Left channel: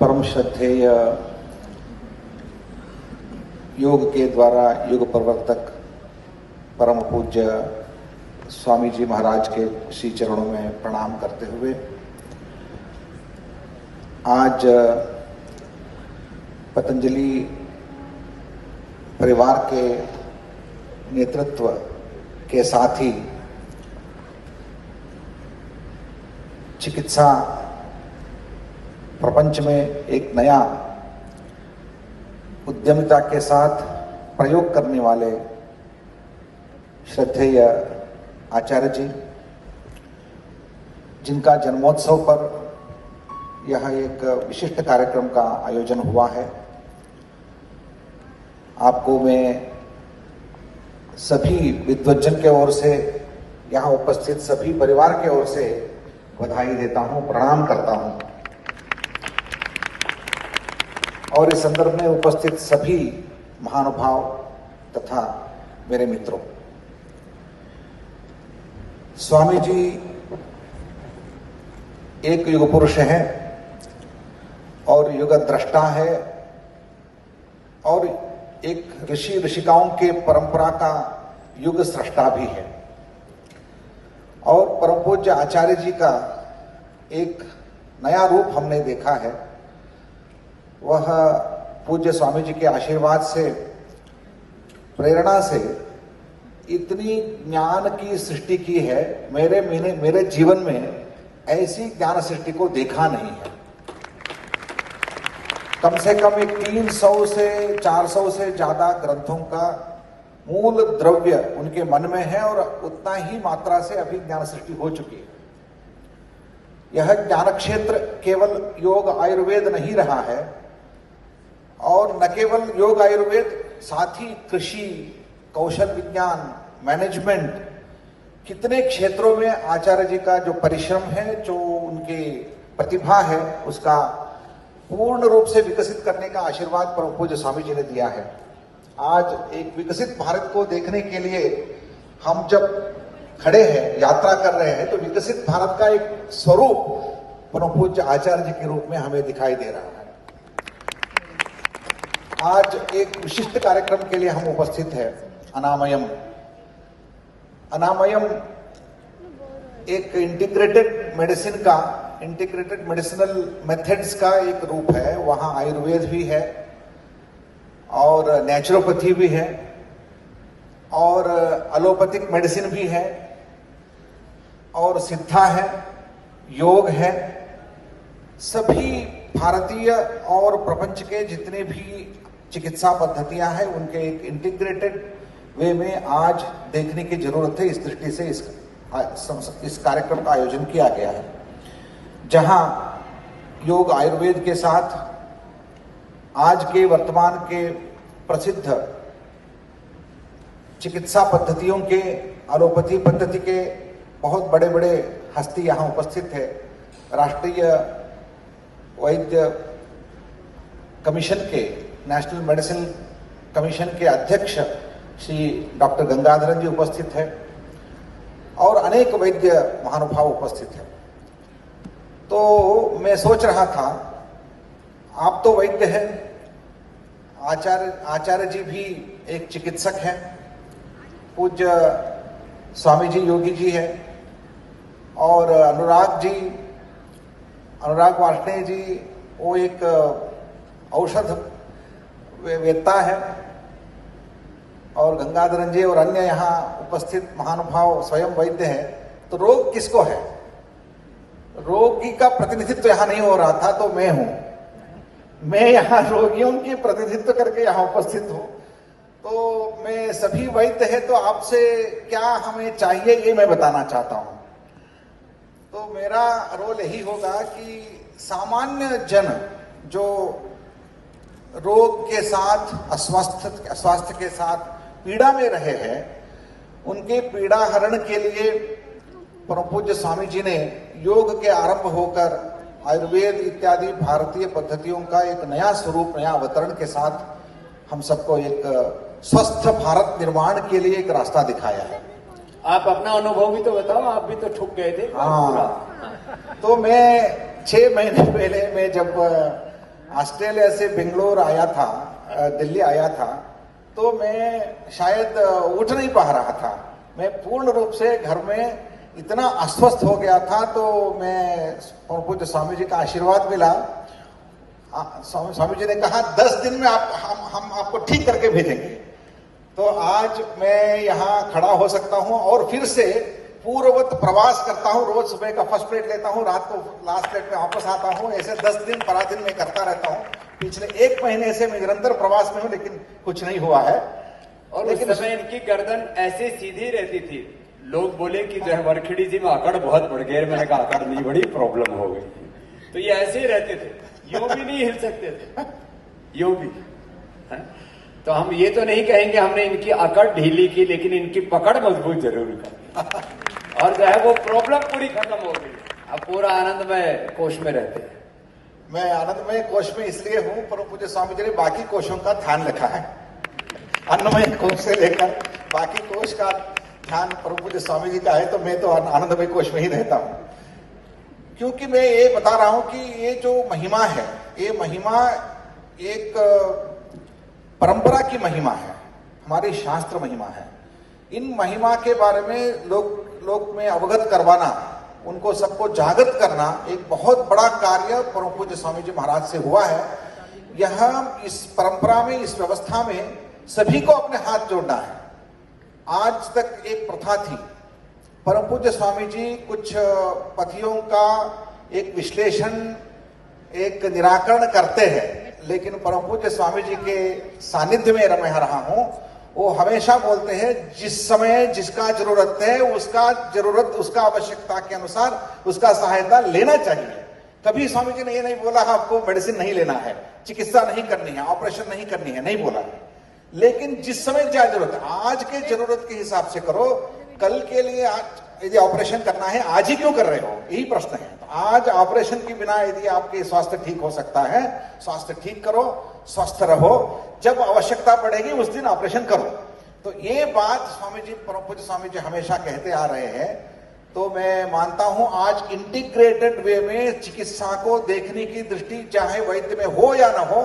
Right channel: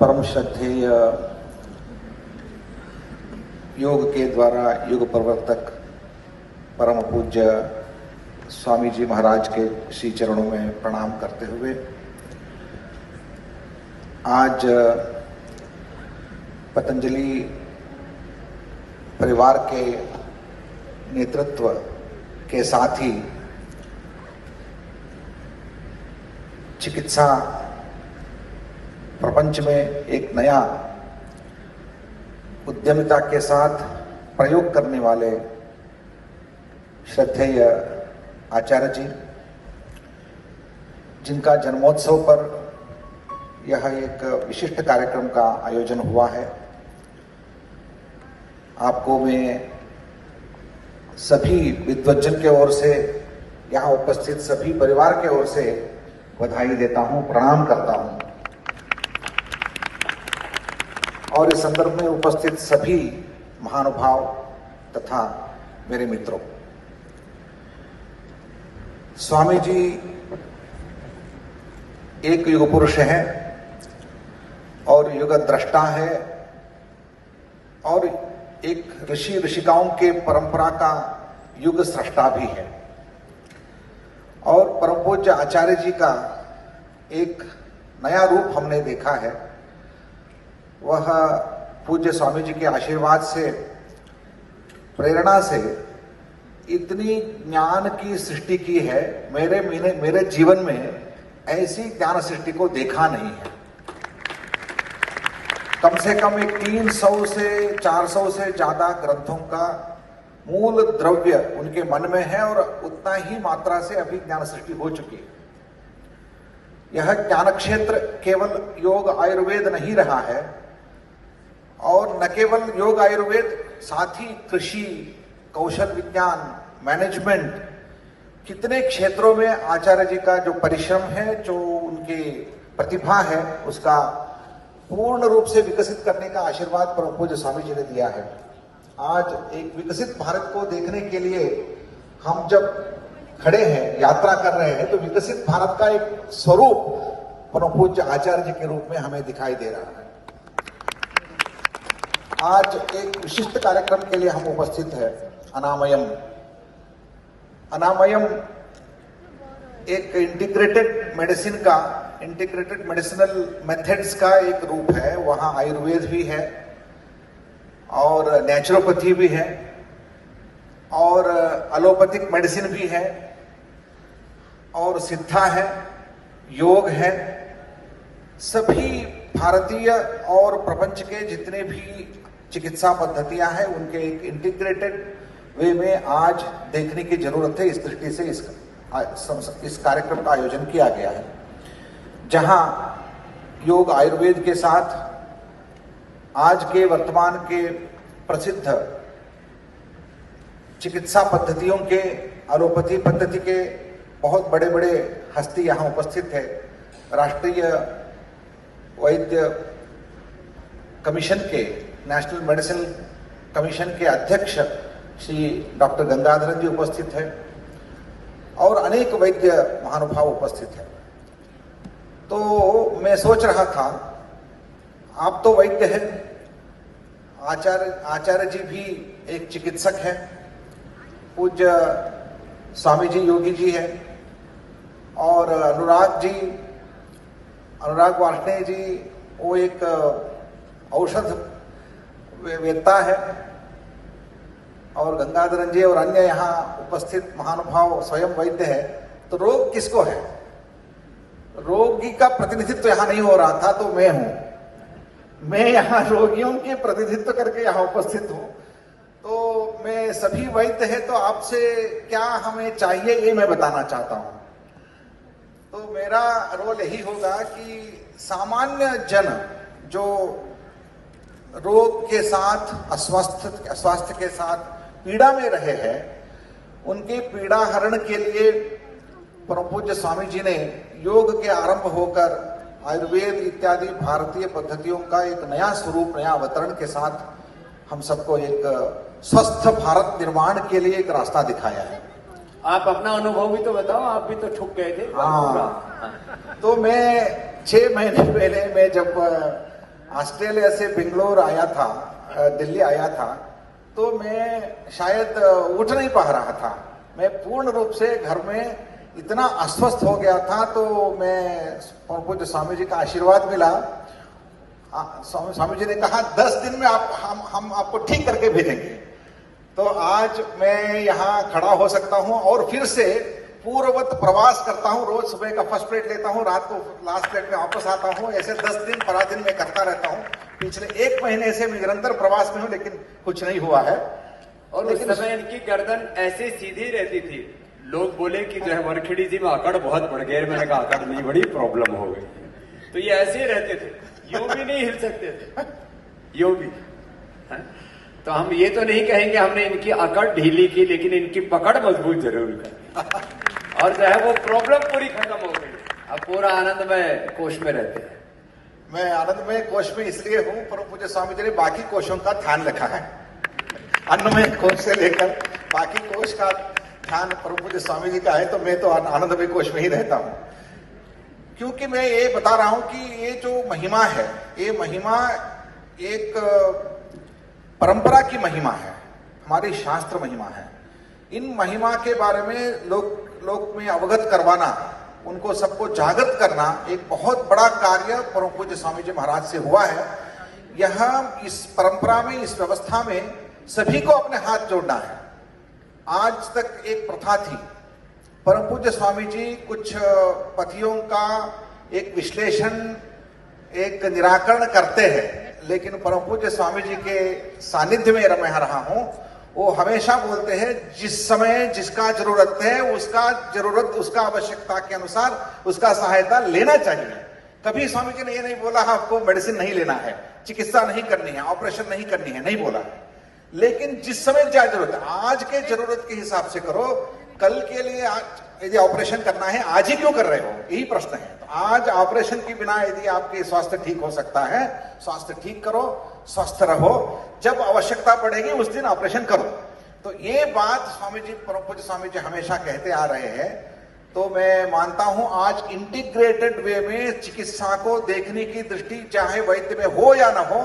परम श्रद्धेय योग के द्वारा युग प्रवर्तक परम पूज्य स्वामी जी महाराज के श्री चरणों में प्रणाम करते हुए आज पतंजलि परिवार के नेतृत्व के साथ ही चिकित्सा प्रपंच में एक नया उद्यमिता के साथ प्रयोग करने वाले श्रद्धेय आचार्य जी, जिनका जन्मोत्सव पर यह एक विशिष्ट कार्यक्रम का आयोजन हुआ है, आपको मैं सभी विद्वज्जन के ओर से, यहाँ उपस्थित सभी परिवार के ओर से बधाई देता हूँ, प्रणाम करता हूँ। और इस संदर्भ में उपस्थित सभी महानुभाव तथा मेरे मित्रों, स्वामी जी एक युग पुरुष हैं और युग द्रष्टा है और एक ऋषि ऋषिकाओं के परंपरा का युग सृष्टा भी है। और परम पूज्य आचार्य जी का एक नया रूप हमने देखा है, वह पूज्य स्वामी जी के आशीर्वाद से, प्रेरणा से इतनी ज्ञान की सृष्टि की है। मेरे जीवन में ऐसी ज्ञान सृष्टि को देखा नहीं है। कम से कम एक 300 से 400 से ज्यादा ग्रंथों का मूल द्रव्य उनके मन में है और उतना ही मात्रा से अभी ज्ञान सृष्टि हो चुकी है। यह ज्ञान क्षेत्र केवल योग आयुर्वेद नहीं रहा है, और न केवल योग आयुर्वेद, साथ ही कृषि, कौशल विज्ञान, मैनेजमेंट, कितने क्षेत्रों में आचार्य जी का जो परिश्रम है, जो उनकी प्रतिभा है, उसका पूर्ण रूप से विकसित करने का आशीर्वाद परम पूज्य स्वामी जी ने दिया है। आज एक विकसित भारत को देखने के लिए हम जब खड़े हैं, यात्रा कर रहे हैं, तो विकसित भारत का एक स्वरूप परम पूज्य आचार्य जी के रूप में हमें दिखाई दे रहा है। आज एक विशिष्ट कार्यक्रम के लिए हम उपस्थित हैं, अनामयम। अनामयम एक इंटीग्रेटेड मेडिसिनल मेथड्स का एक रूप है। वहाँ आयुर्वेद भी है और नेचुरोपैथी भी है और एलोपैथिक मेडिसिन भी है और सिद्धा है, योग है। सभी भारतीय और प्रपंच के जितने भी चिकित्सा पद्धतियां हैं, उनके एक इंटीग्रेटेड वे में आज देखने की जरूरत है। इस दृष्टि से इस कार्यक्रम का आयोजन किया गया है, जहां योग आयुर्वेद के साथ आज के वर्तमान के प्रसिद्ध चिकित्सा पद्धतियों के, एलोपैथी पद्धति के बहुत बड़े बड़े हस्ती यहाँ उपस्थित है। राष्ट्रीय वैद्य कमीशन के, नेशनल मेडिसिन कमीशन के अध्यक्ष श्री डॉक्टर गंगाधरन जी उपस्थित है और अनेक वैद्य महानुभाव उपस्थित है। तो मैं सोच रहा था, आप तो वैद्य हैं, आचार्य जी भी एक चिकित्सक हैं, पूज्य स्वामी जी योगी जी हैं, और अनुराग वार्ष्णेय जी वो एक औषध वेत्ता है, और गंगाधरन जी और अन्य यहाँ उपस्थित महानुभाव स्वयं वैद्य है। तो रोग किसको है? रोगी का प्रतिनिधित्व यहाँ नहीं हो रहा था, तो मैं हूं। मैं यहाँ रोगियों के प्रतिनिधित्व करके यहाँ उपस्थित हूँ। तो मैं सभी वैद्य है, तो आपसे क्या हमें चाहिए ये मैं बताना चाहता हूँ। तो मेरा रोल यही होगा कि सामान्य जन जो रोग के साथ, अस्वास्थ्य के साथ पीड़ा में रहे हैं, उनके पीड़ा हरण के लिए परम पूज्य स्वामी जी ने योग के आरंभ होकर आयुर्वेद इत्यादि भारतीय पद्धतियों का एक नया स्वरूप, नया अवतरण के साथ हम सबको एक स्वस्थ भारत निर्माण के लिए एक रास्ता दिखाया है। आप अपना अनुभव भी तो बताओ, आप भी तो ठुक गए थे। हाँ, तो मैं 6 महीने पहले मैं जब ऑस्ट्रेलिया से बेंगलोर आया था, दिल्ली आया था, तो मैं शायद उठ नहीं पा रहा था। मैं पूर्ण रूप से घर में इतना अस्वस्थ हो गया था, तो मैं पूज्य स्वामी जी का आशीर्वाद मिला। स्वामी जी ने कहा 10 दिन में हम आपको ठीक करके भेजेंगे। तो आज मैं यहाँ खड़ा हो सकता हूँ और फिर से पूर्ववत प्रवास करता हूँ। रोज सुबह का फर्स्ट प्लेट लेता हूँ, रात को लास्ट प्लेट में वापस आता हूँ। ऐसे 10 दिन 12 दिन में करता रहता हूँ। पिछले 1 महीने से मैं निरंतर प्रवास में हूँ, लेकिन कुछ नहीं हुआ है। और लेकिन उस समय इनकी गर्दन ऐसे सीधी रहती थी, लोग बोले कि जो है वरखेड़ी जी में अकड़ बहुत बढ़ गए। मैंने कहा अकड़ नहीं, बड़ी प्रॉब्लम हो गई। तो ये ऐसे ही रहते थे, यूं भी नहीं हिल सकते थे, यूं भी। तो हम ये तो नहीं कहेंगे हमने इनकी अकड़ ढीली की, लेकिन इनकी पकड़ मजबूत जरूर की और जो है वो प्रॉब्लम पूरी खत्म हो गई। अब पूरा आनंदमय कोश में रहते हैं। मैं आनंदमय कोश में इसलिए हूं, परम पूज्य स्वामी जी ने बाकी कोशों का ध्यान रखा है। अन्नमय कोश से लेकर बाकी कोश का ध्यान परम पूज्य स्वामी जी का है, तो मैं तो आनंदमय कोश में ही रहता हूं। क्योंकि मैं ये बता रहा हूं कि ये जो महिमा है, ये महिमा एक परंपरा की महिमा है, हमारी शास्त्र महिमा है। इन महिमा के बारे में लोग में अवगत करवाना, उनको सबको जागृत करना एक बहुत बड़ा कार्य परम पूज्य स्वामी जी महाराज से हुआ है। यह इस परंपरा में, इस व्यवस्था में सभी को अपने हाथ जोड़ना है। आज तक एक प्रथा थी, परम पूज्य स्वामी जी कुछ पथियों का एक विश्लेषण, एक निराकरण करते हैं, लेकिन परम पूज्य स्वामी जी के सानिध्य में मैं रहा हूं, वो हमेशा बोलते हैं जिस समय जिसका जरूरत है उसका आवश्यकता के अनुसार उसका सहायता लेना चाहिए। कभी स्वामी जी ने ये नहीं बोला आपको मेडिसिन नहीं लेना है, चिकित्सा नहीं करनी है, ऑपरेशन नहीं करनी है, नहीं बोला। लेकिन जिस समय क्या जरूरत है, आज के जरूरत के हिसाब से करो। कल के लिए आज यदि ऑपरेशन करना है, आज ही क्यों कर रहे हो, यही प्रश्न है। तो आज ऑपरेशन के बिना यदि आपके स्वास्थ्य ठीक हो सकता है, स्वास्थ्य ठीक करो, स्वस्थ रहो। जब आवश्यकता पड़ेगी उस दिन ऑपरेशन करो। तो ये बात स्वामी जी, परम पूज्य स्वामी जी हमेशा कहते आ रहे हैं। तो मैं मानता हूं आज इंटीग्रेटेड वे में चिकित्सा को देखने की दृष्टि चाहे वैद्य में हो या ना हो,